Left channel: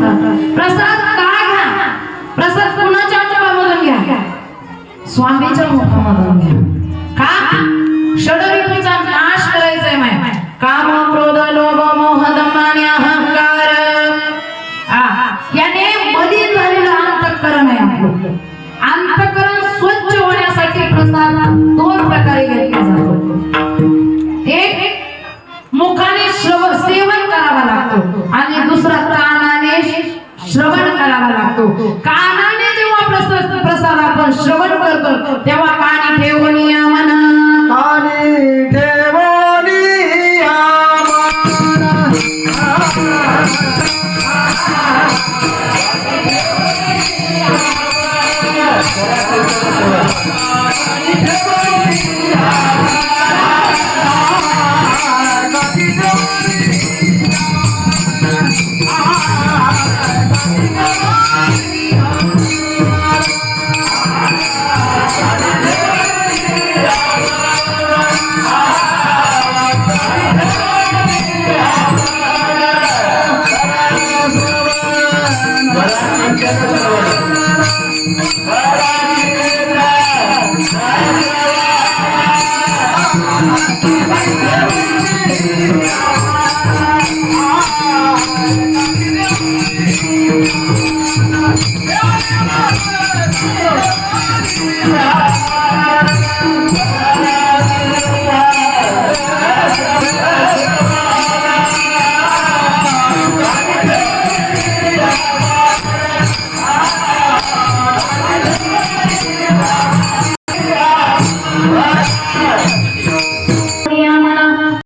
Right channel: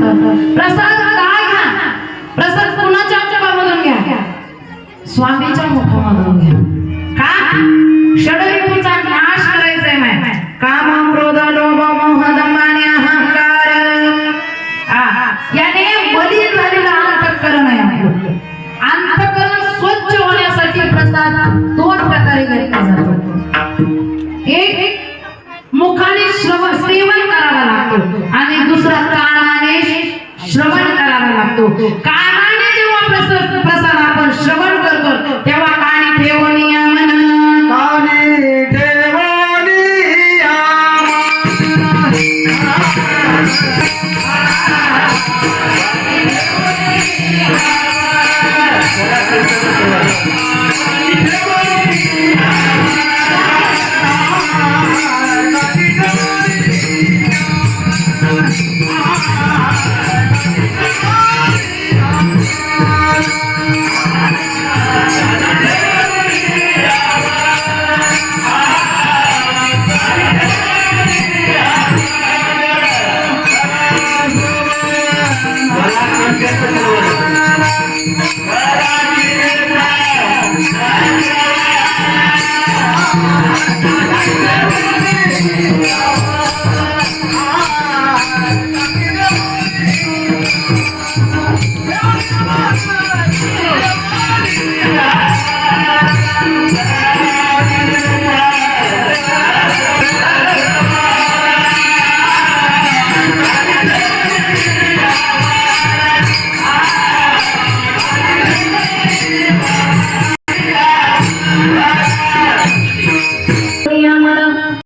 सांगतात प्रसाद काय घ्या, प्रसाद कुणाच्या मुखामधून घ्या, स्वामीच्या मुखामधून घ्या. का षडरिपूचा नाश करायचा आहे. माय काम क्रोध लोभ मोह दंभ आणि अहंकार याने मलिन झालेलं अंतःकरण आहे आपलं. अंतःकरण स्वच्छ होण्यासाठी प्रसाद दोन प्रकारे घेतला जातो. एक मुखाने सेवन करावं लागतो आणि दुसरा कानाने श्रवण करावा लागतो. कानाने जेव्हा प्रसाद आपण श्रवण करतो तेव्हा